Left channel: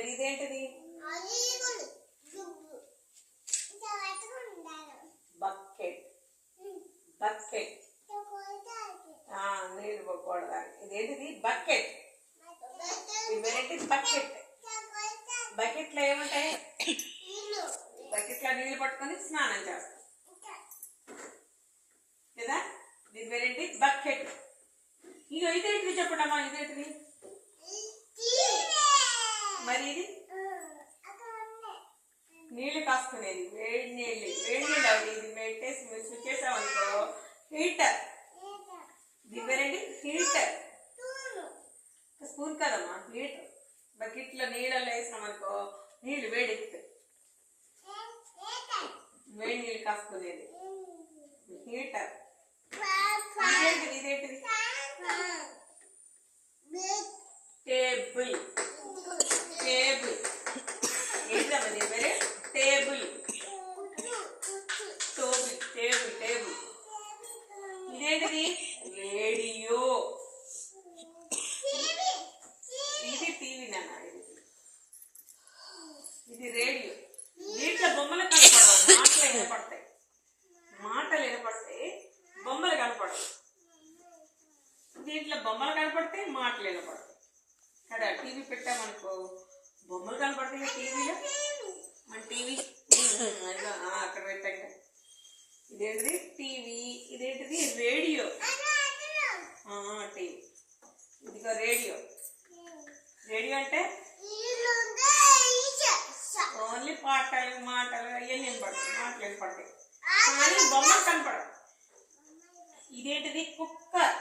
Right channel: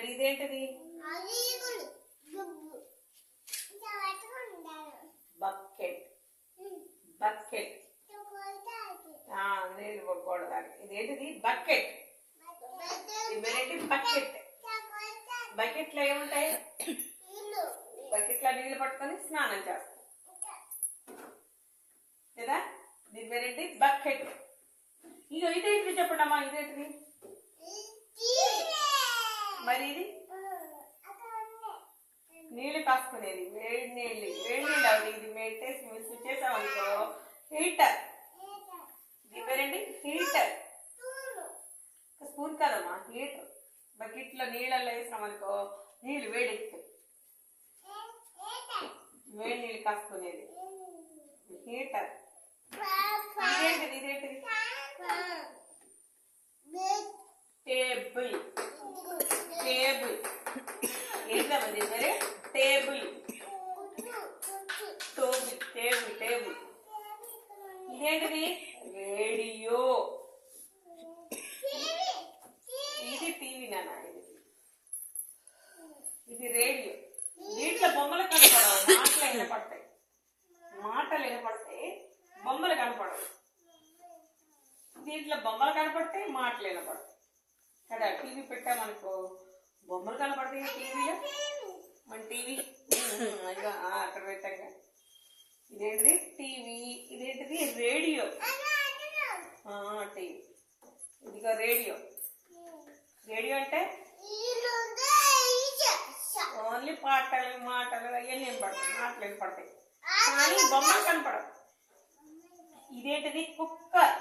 మరి ఇదేంటిది? Bucket. Bucket నీళ్ళు పట్టుకోవడానికి. ఇదేంటిది? బకెట్. ఇదేంటి? బకెట్. బకెట్లో ఏముంటాయి? బకెట్లో నీళ్ళు పట్టుకొని స్నానం చేస్తాం కదా. దీని పేరేంటి? బకెట్. ఇక ఇదేంటిది చెప్పండమ్మా, ఇదేంటిది? మరి ఇది నీళ్ళు కాసుకునేది, వేడి నీళ్ళు. వేడి నీళ్ళు అవి ఇది పెట్టేసి స్విచ్ చేసామనుకో హీటర్. దీని పేరేంటి? హీటర్. స్పూన్ కదమ్మా, హీటర్. బకెట్లో నీళ్ళల్లో వేసినామనుకో నీళ్ళు వేడెక్కుతాయి. వేడి నీళ్ళు కాసుకునేది హీటర్. ఇదేంటిది? ఇదేంటిది? టేబుల్. టేబుల్ ఏంటమ్మా దీని పేరే? టేబుల్. టేబుల్. టేబుల్. టేబుల్. ఇదేంటిది? రేడియో. ఇది టీవీ నాన్న. ఇది రేడియో. దీంట్లో బొమ్మలు కనపడవు, మాటలు వినపడతాయి. మాటలు వినపడతాయి, బొమ్మలు కనపడవు. దీంట్లో బొమ్మలు కనపడతాయి, మాటలు వినపడతాయి కదా. టీవీ పెట్టామనుకో బొమ్మలు కనపడతాయి టీవీలో. మన టీవీ అక్కడ పెట్టాక ఇదేంటిది? టీవీ. ఇదేంటిది? రేడియో. టీవీ. ఇదిగో రేడియో. రేడియో అంటే ఓన్లీ పాటలు మాటలు అవన్నీ వినపడతాయి, మాటలు వినపడతాయి కానీ బొమ్మలు కనపడవు. ఇదేంటిది? కుక్కర్.